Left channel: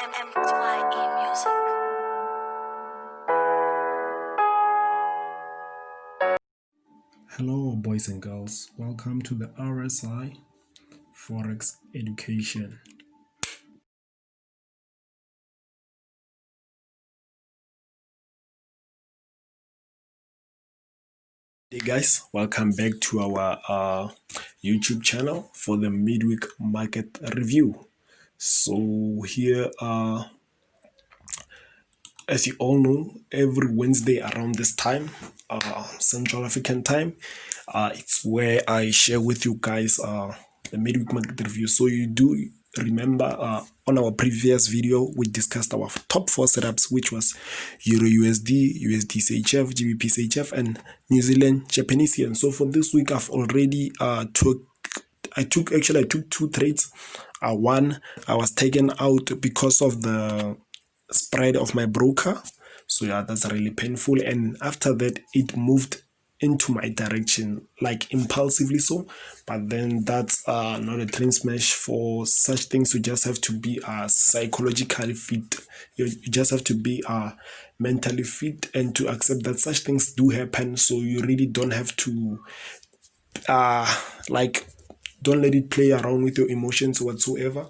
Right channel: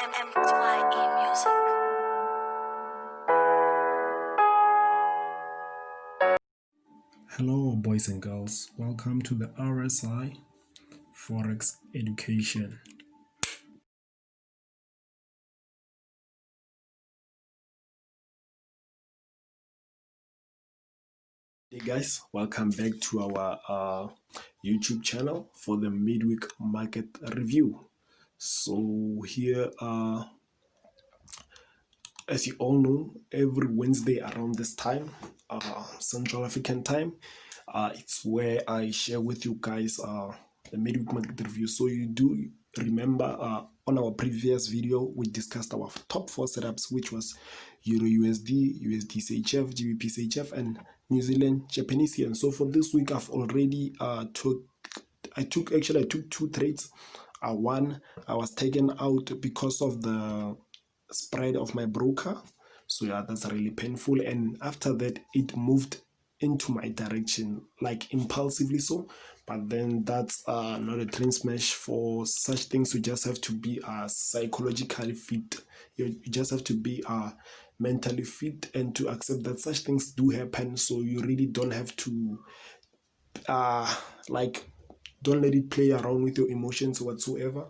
Nzdjpy music. Hello, boys and girls. Welcome to the RSI Forex Education. Hey guys, welcome back to our YouTube channel for the midweek market review. So here, as you all know, every Wednesday around this time, Central African time, it's where I share with you guys the midweek market review. So you do remember on our previous video, we discussed our top 4 setups, which was EURUSD, USD-CHF, GBP-CHF, and New Zealand Japanese yen. So for this week, I've already took 2 trades. One, I was taken out because of the spread of my broker. So yeah, that's really painful. And after that, it moved into my direction, like impulsively so. But then that's not a trend smash. For such things, you just have to be psychologically fit. You just have to be mentally fit and to accept that such things do happen. So you really don't have to like, don't let it play around with your emotions whatsoever.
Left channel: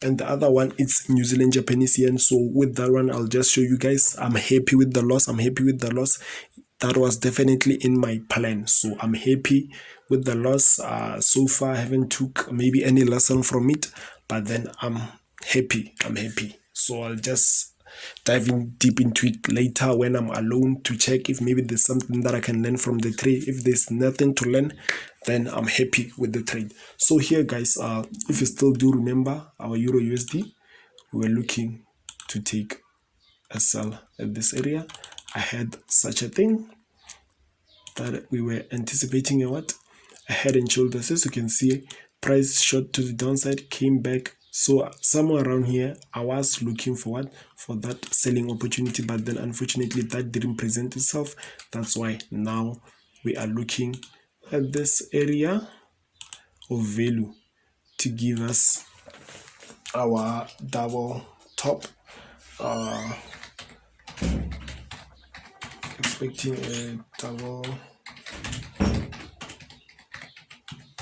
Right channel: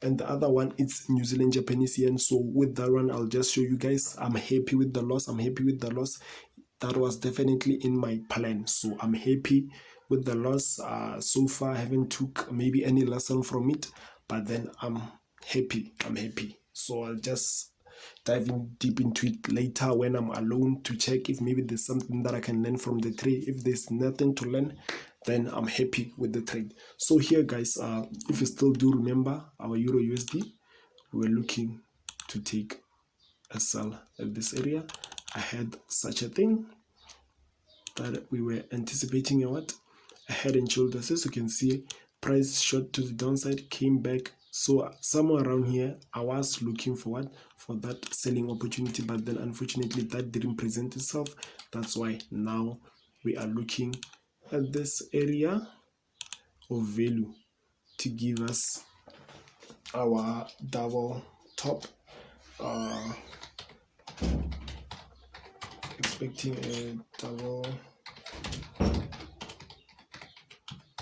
And the other one, it's New Zealand Japanese yen. So with that one, I'll just show you guys. I'm happy with the loss. That was definitely in my plan, so I'm happy with the loss. So far I haven't took maybe any lesson from it, but then I'm happy. So I'll just dive in deep into it later when I'm alone to check if maybe there's something that I can learn from the trade. If there's nothing to learn, then I'm happy with the trade. So here guys, if you still do remember our Euro USD, we were looking to take a sell at this area. I had such a thing that we were anticipating a head and shoulders. As you can see, price shot to the downside, came back. So somewhere around here, I was looking for that selling opportunity, but then unfortunately that didn't present itself. That's why now we are looking at this area of value to give us our double top. Expecting a double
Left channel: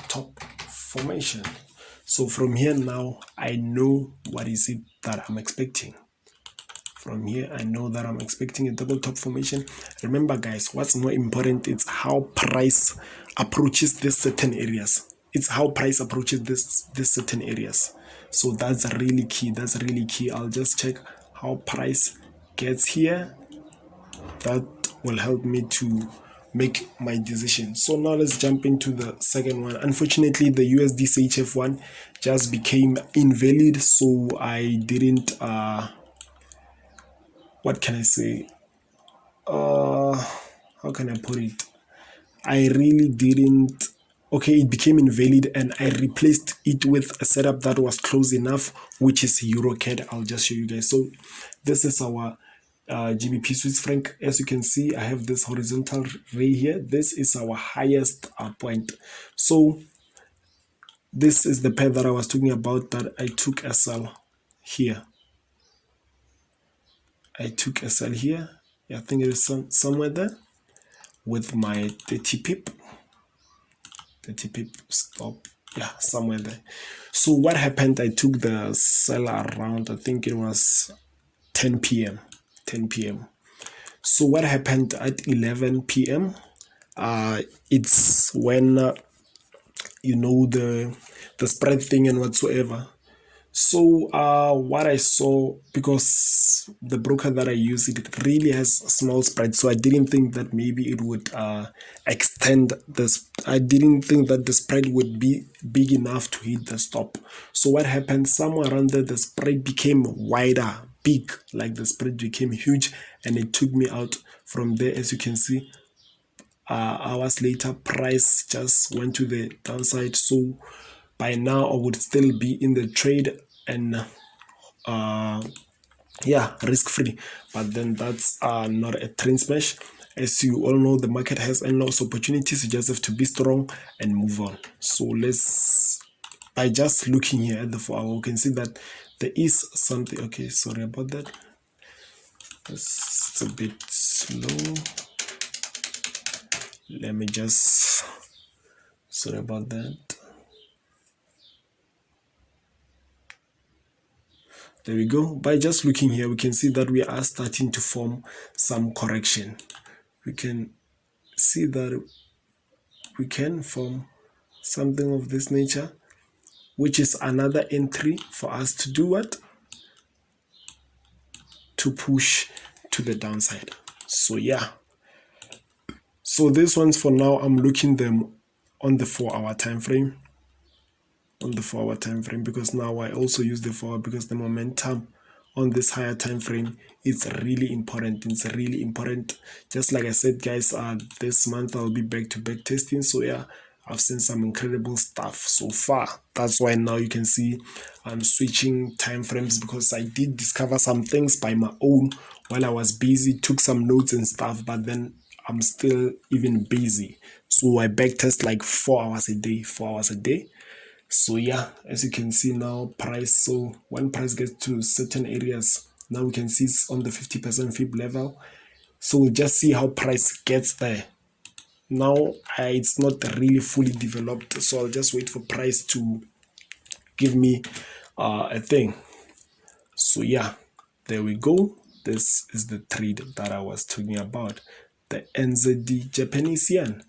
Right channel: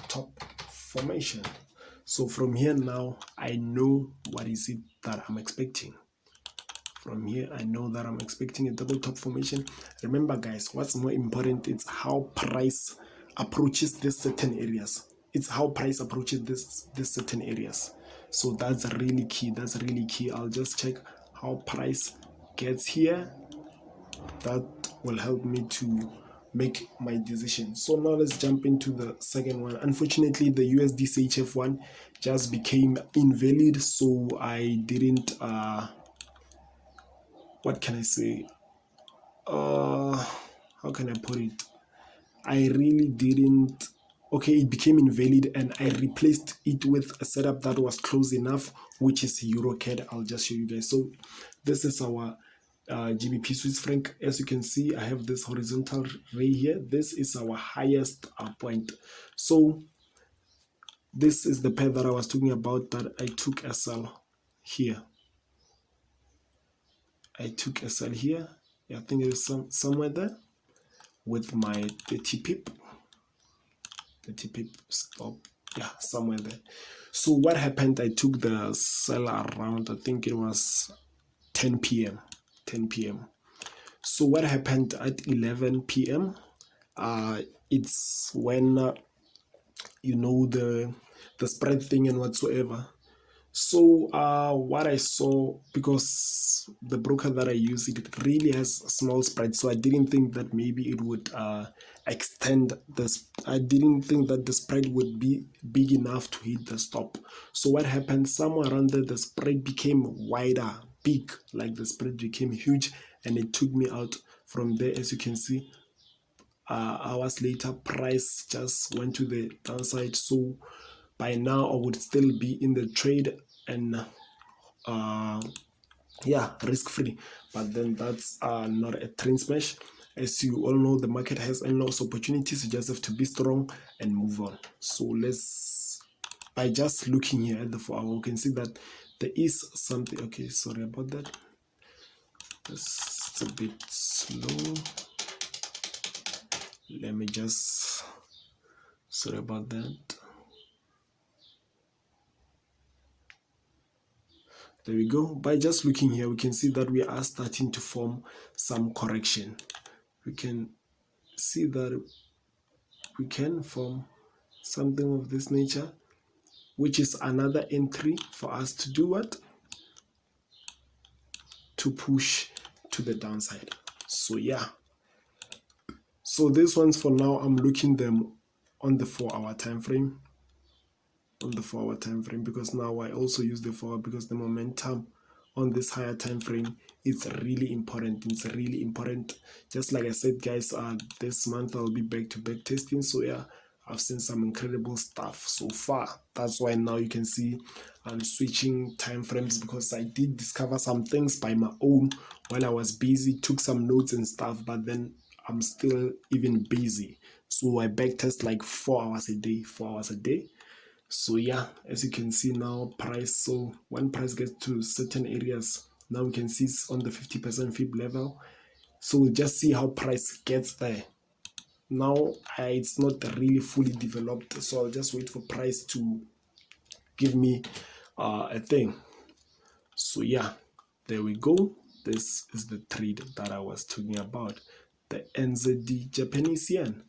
top formation. So from here now, I know what is it that I'm expecting. From here, I know that I'm expecting a double top formation. Remember guys, what's more important is how price approaches these certain areas. It's how price approaches this certain areas. So that's really key. I'll just check how price gets here. That will help me to make my decision. So now let's jump into the second one. Unfortunately, the USD CHF one just became invalid, so I didn't what can I say, how can I put it, I really didn't. Okay, it became invalid and I replaced it with a setup that was close enough, which is EuroCAD. I'll just show you guys. So this is our GBP Swiss franc. As you can see, I have this horizontal ray here. This is our highest point. So this is the pair that I was talking about, that I took a sell here. I think it is somewhere there with my 30 pip stop. Yeah, somewhere there. So what happened, I took the sell around, I think it was 10 p.m. So what happened at 11 p.m. It's when you know, the spread thing and whatsoever. So what I saw, because the broker that I use, it really has small spread, so I didn't think that maybe it would extend this. I didn't think that the spread would be big enough to hit the stop. So what happened, somewhere around there, the spread became wider, big, like the spread became huge, and it took me out from there. As you can see, hours later, price just went to the downside. So by now I would still be in the trade and yeah, risk free, but then that's not a trend smash. As you all know, the market has endless opportunities. You just have to be strong and move on. So let's by just looking here at the 4 hour, we can see that there is something. Okay, sorry about that. It's a bit slow. Let me just, sorry about that. There we go. By just looking here, we can see that we are starting to form some correction. We can see that we can form something of this nature, which is another entry for us to do what? To push to the downside. So yeah. So this one's for now, I'm looking them on the 4 hour time frame. On the 4 hour time frame, because now I also use the 4 hour, because the momentum on this higher time frame is really important. It's really important. Just like I said, guys, this month I'll be back to back testing. So yeah, I've seen some incredible stuff so far. That's why now you can see I'm switching time frames, because I did discover some things by my own while I was busy, took some notes and stuff, but then I'm still even busy. So I back test like 4 hours a day, 4 hours a day. So yeah, as you can see now, price, so when price gets to certain areas, now we can see it's on the 50% fib level. So we'll just see how price gets there. Now it's not really fully developed, so I'll just wait for price to give me a thing. So yeah, there we go. This is the trade that I was talking about, the NZD Japanese yen.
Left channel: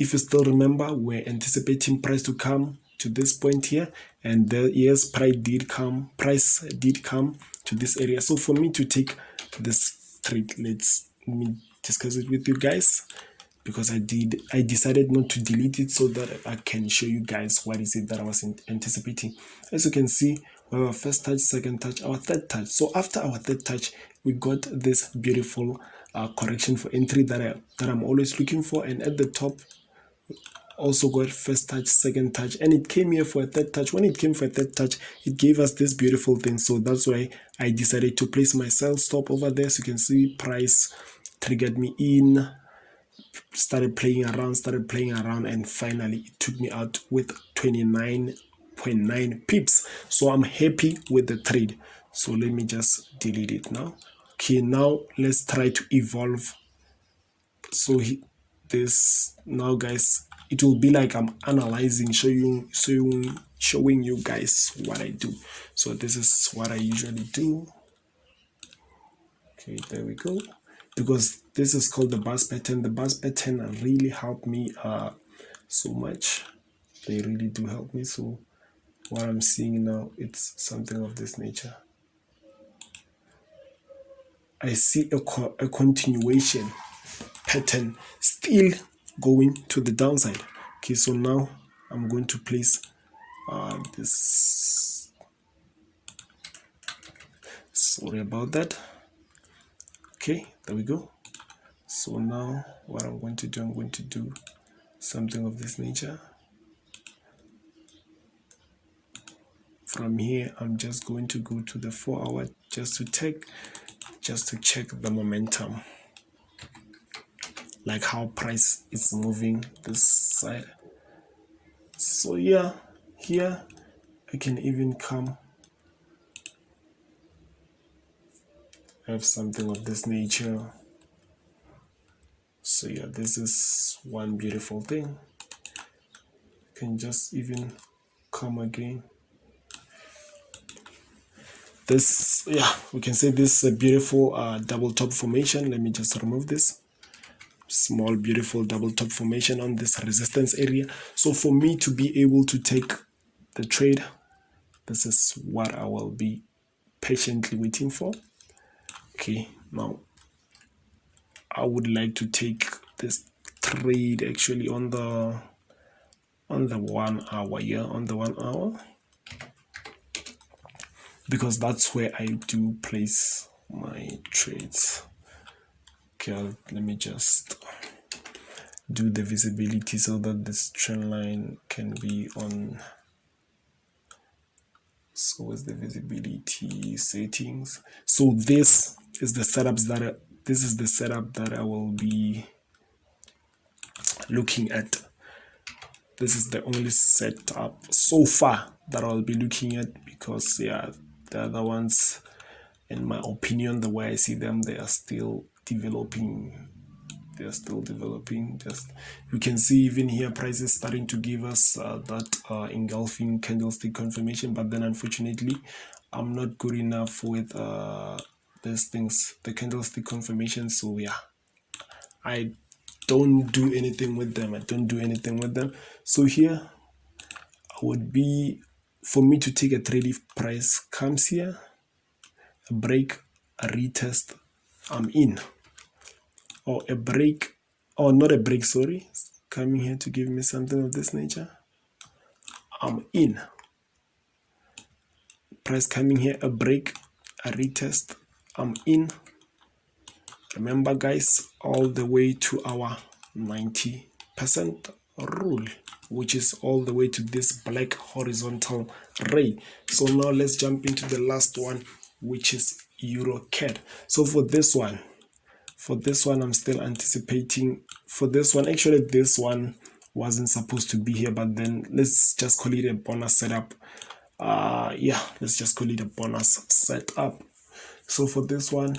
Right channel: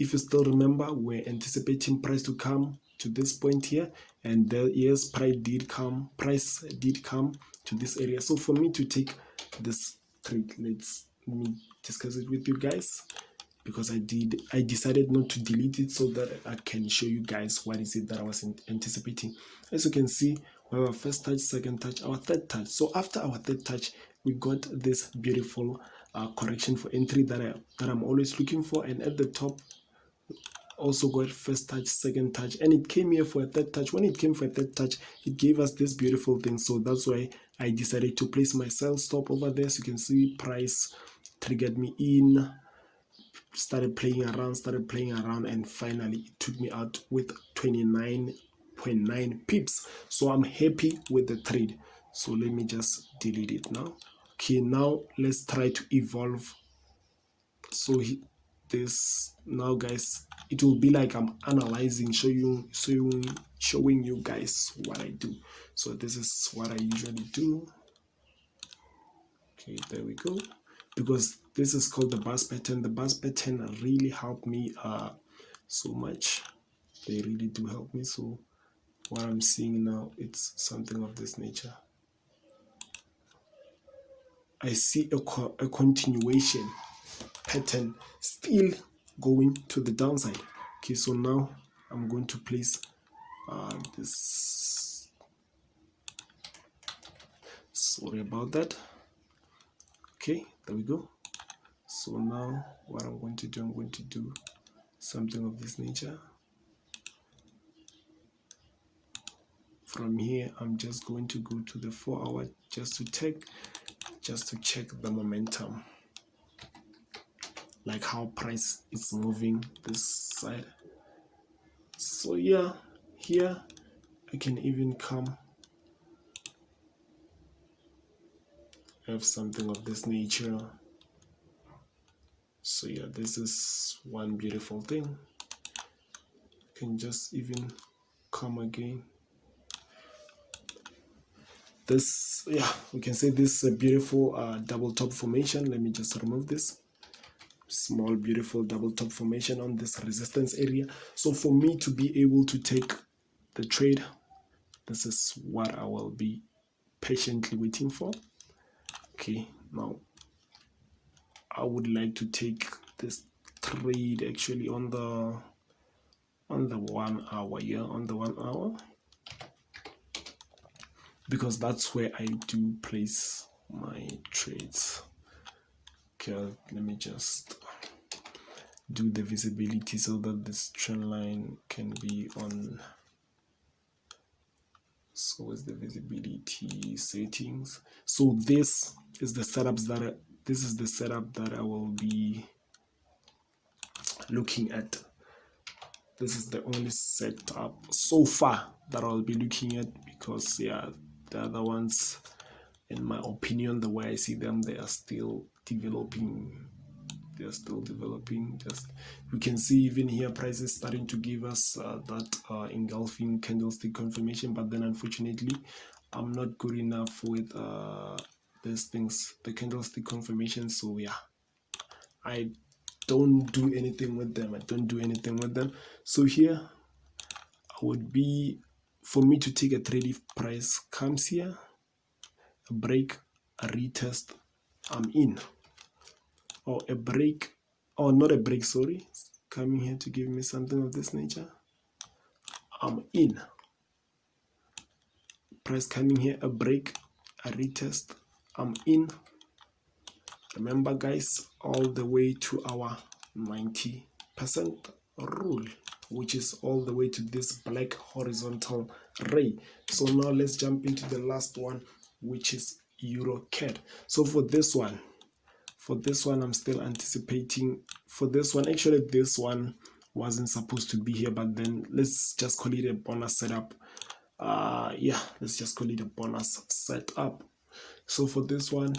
If you still remember, we're anticipating price to come to this point here, and yes, price did come to this area. So for me to take this trade, let me discuss it with you guys, because I decided not to delete it so that I can show you guys what is it that I was anticipating. As you can see, we have our first touch, second touch, our third touch. So after our third touch, we got this beautiful correction for entry that I'm always looking for, and at the top also got first touch, second touch, and it came here for a third touch. When it came for a third touch, it gave us this beautiful thing. So that's why I decided to place my sell stop over there. So you can see price triggered me in, started playing around, and finally it took me out with 29.9 pips. So I'm happy with the trade. So let me just delete it now. Okay, now let's try to evolve. So this now, guys, it will be like I'm analyzing, showing you guys what I do. So this is what I usually do. Okay, there we go. Because this is called the bus pattern. The bus pattern really helped me so much. They really do help me. So what I'm seeing now, it's something of this nature. I see a continuation pattern still going to the downside. Okay, so now I'm going to place this. Sorry about that. Okay, there we go. So now what I'm going to do something of this nature. From here, I'm just going to go to the 4 hour just to check the momentum, like how price is moving this side. So yeah, here I can even come have something of this nature. So yeah, this is one beautiful thing. You can just even come again. This, yeah, we can say this is a beautiful double top formation. Let me just remove this small beautiful double top formation on this resistance area. So for me to be able to take the trade, this is what I will be patiently waiting for. Okay, now I would like to take this trade actually on the 1 hour here, on the 1 hour, because that's where I do place my trades. Okay, let me just do the visibility so that this trend line can be on. So what's the visibility settings? So this is the setup that I will be looking at. this is the only setup so far that I'll be looking at, because yeah, the other ones, in my opinion, the way I see them, they are still developing. Just you can see even here prices starting to give us that engulfing candlestick confirmation, but then unfortunately I'm not good enough with these things, the candlestick confirmation. So yeah, I don't do anything with them. So here would be for me to take a trade if price comes here, a break, a retest, I'm in. Or a break, or not a break, sorry, coming here to give me something of this nature, I'm in. Price coming here, a break, a retest, I'm in. Remember guys, all the way to our 90% rule, which is all the way to this black horizontal ray. So now let's jump into the last one, which is EURUSD. So for this one I'm still anticipating. For this one, actually this one wasn't supposed to be here, but then let's just call it a bonus setup. Yeah, let's just call it a bonus setup. So for this one,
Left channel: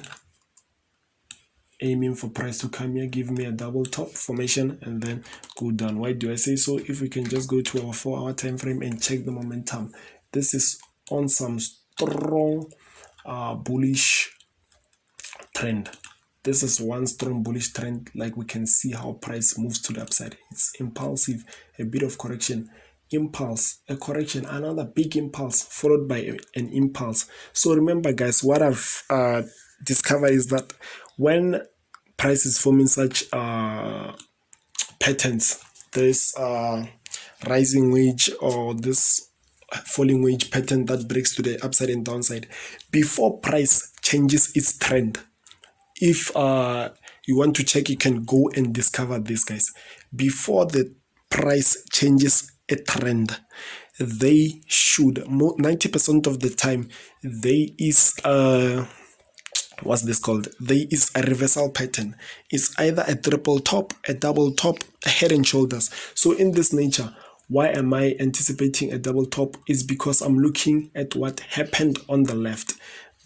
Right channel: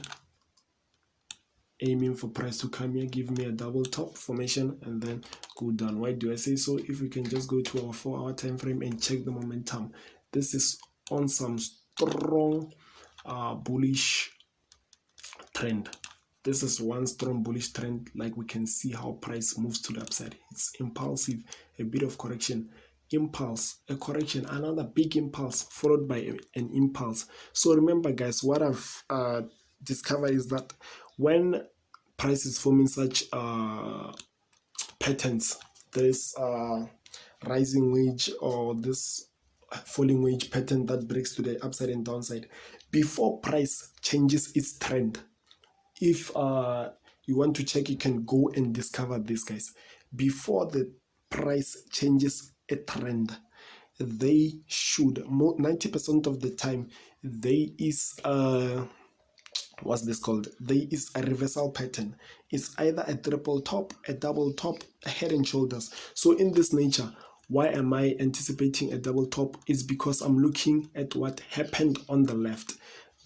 aiming for price to come here, give me a double top formation and then go down. Why do I say so? If we can just go to our 4-hour time frame and check the momentum, this is on some strong bullish trend. This is one strong bullish trend. Like we can see how price moves to the upside. It's impulsive, a bit of correction, impulse, a correction, another big impulse followed by an impulse. So remember guys, what I've discovered is that when price is forming such patterns, this rising wage or this falling wage pattern that breaks to the upside and downside, before price changes its trend, if you want to check, you can go and discover this guys. Before the price changes a trend, they should 90% of the time there is what's this called, there is a reversal pattern. It's either a triple top, a double top, a head and shoulders. So in this nature, why am I anticipating a double top? Is because I'm looking at what happened on the left.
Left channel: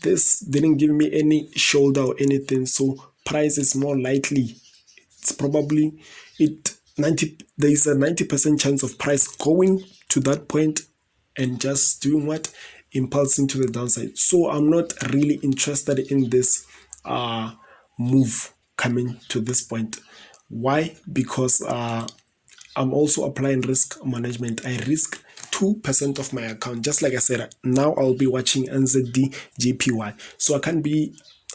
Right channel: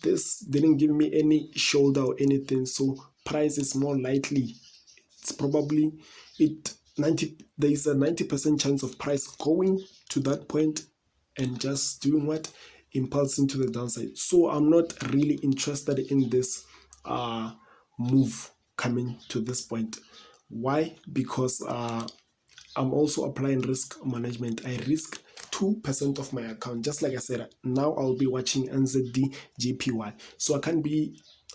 This didn't give me any shoulder or anything, so price is more likely, it's probably there is a 90% chance of price going to that point and just doing what, impulsing to the downside. So I'm not really interested in this move coming to this point. Why? Because I'm also applying risk management. I risk 2% of my account. Just like I said, now I'll be watching Nzdjpy.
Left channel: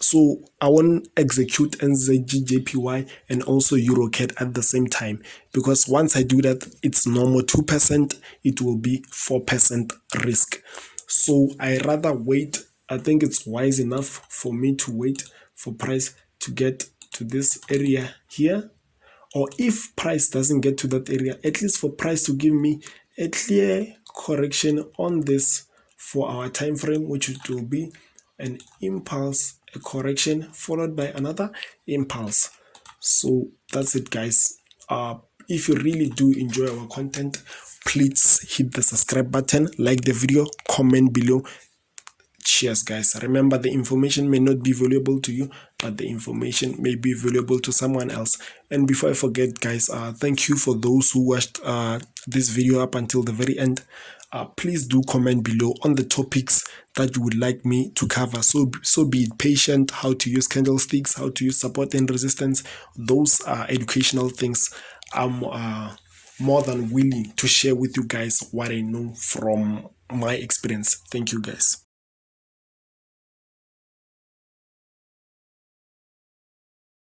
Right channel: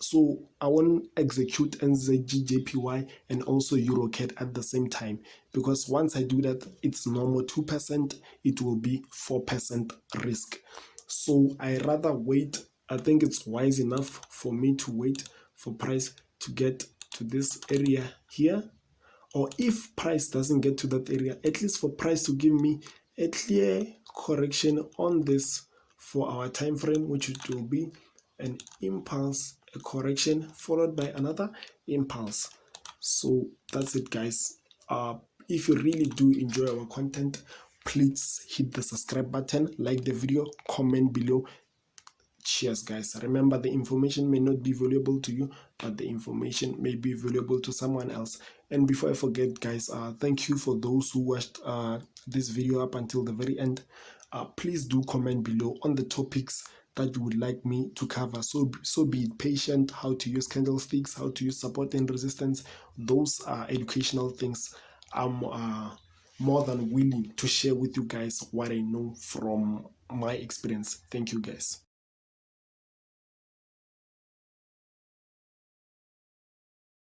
So I won't execute Nzdjpy and also EURUSD at the same time, because once I do that, it's normal 2%, it will be 4% risk. So I rather wait. I think it's wise enough for me to wait for price to get to this area here, or if price doesn't get to that area, at least for price to give me a clear correction on this 4-hour time frame, which will be an impulse, a correction followed by another impulse. So that's it guys. If you really do enjoy our content, please hit the subscribe button, like the video, comment below. Cheers guys. Remember, the information may not be valuable to you, but the information may be valuable to someone else. And before I forget guys, thank you for those who watched this video up until the very end. Please do comment below on the topics that you would like me to cover. So be patient, how to use candlesticks, how to use support and resistance. Those are educational things. I'm more than willing to share with you guys what I know from my experience. Thank you guys.